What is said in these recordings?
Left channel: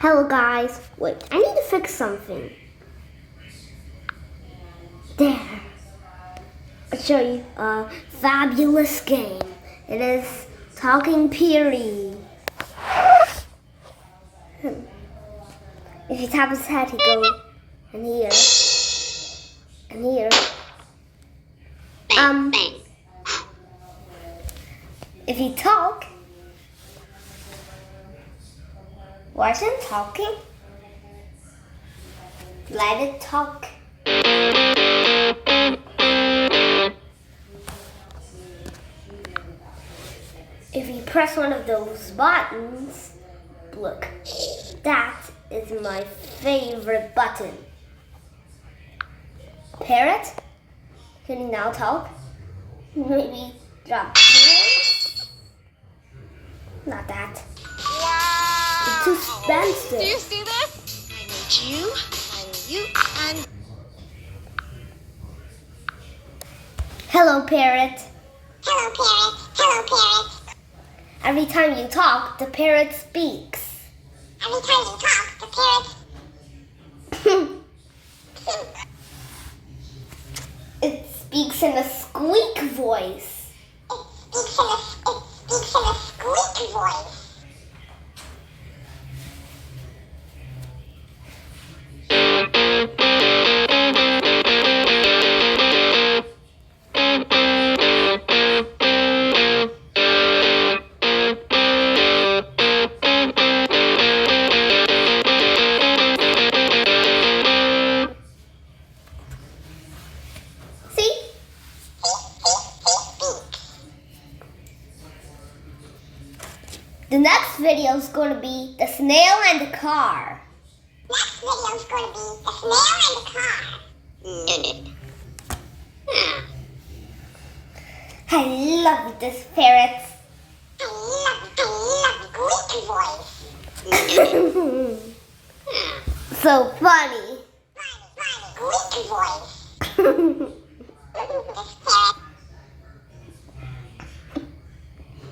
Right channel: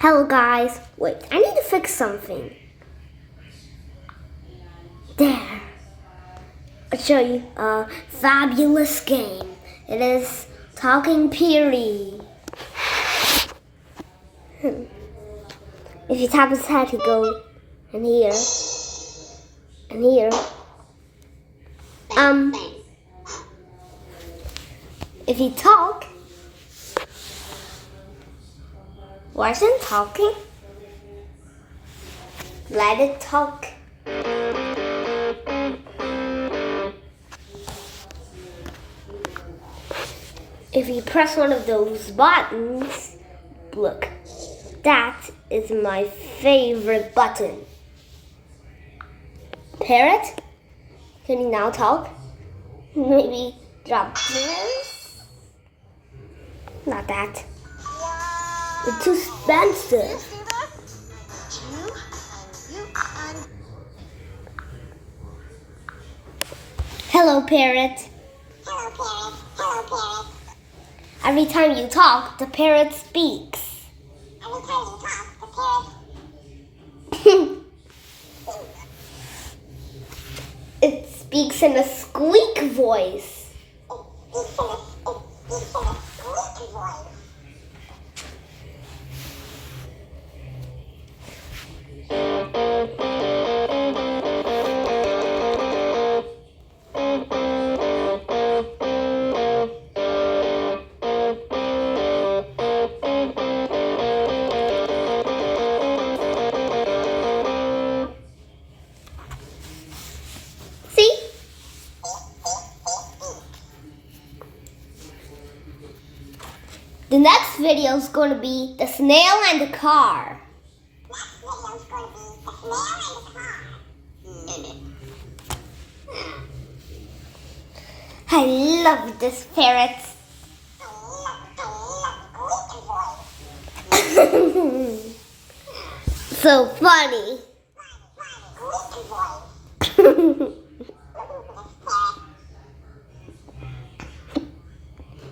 Hello guys, wait, I need to fix something. There. I'll show you a fabulous game. It is Talking Parrot. If you tap his head, he goes in here. And here. If you talk, wasn't talking. Let it talk. If you press one of those buttons, look, that is my favorite button. Parrot, can you now talk? Maybe drop yours? Not that. Wow. It's too expensive. Do you see this? And you, and Hello, Parrot. Hello, Parrot. Hello, Parrot. Every time you talk, the parrot speaks. Every time you talk, the parrot It speaks in a squeak voice. It speaks in a squeak voice. See? The next video is going to be the snail and the car. Next video is going to be the snail and the car. I love this parrot. I love Greek voice. So funny. Greek voice. This parrot.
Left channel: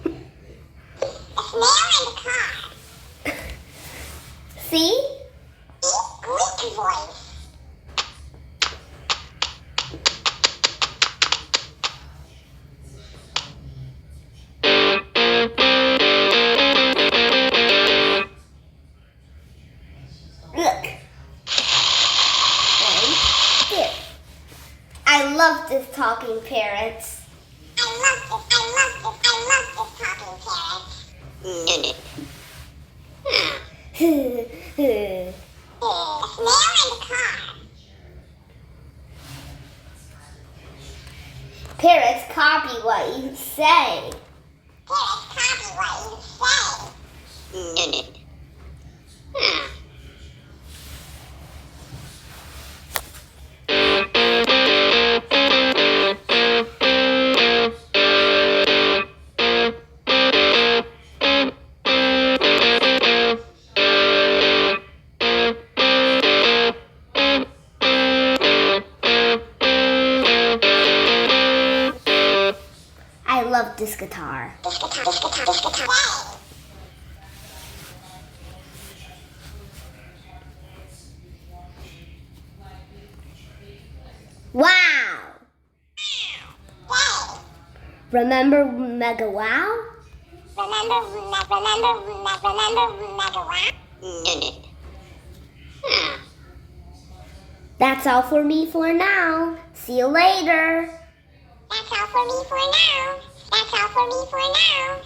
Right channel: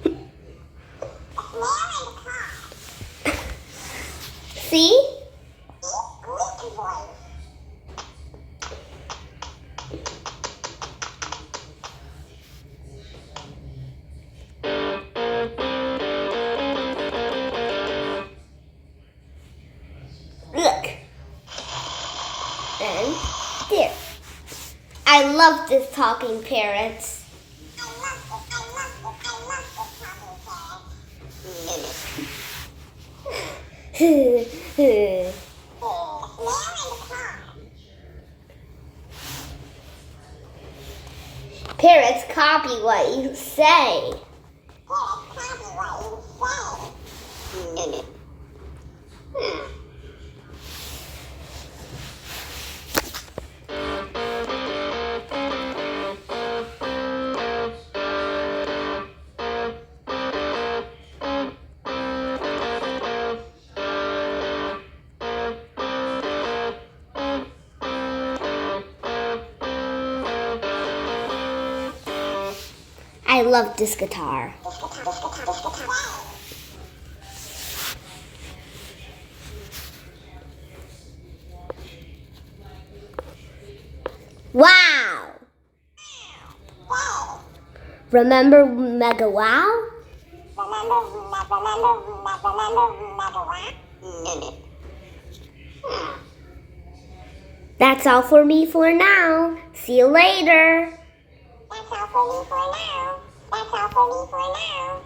The snail and the car. See? Greek voice. Look. And here. I love this talking parrot. I love this talking parrot. The snail and the car. Parrots copy what you say. Parrots copy what you say. I love this guitar. Wow! Remember Mega Wow? Remember Mega Wow? That's all for me for now. See you later. That's all for me for now.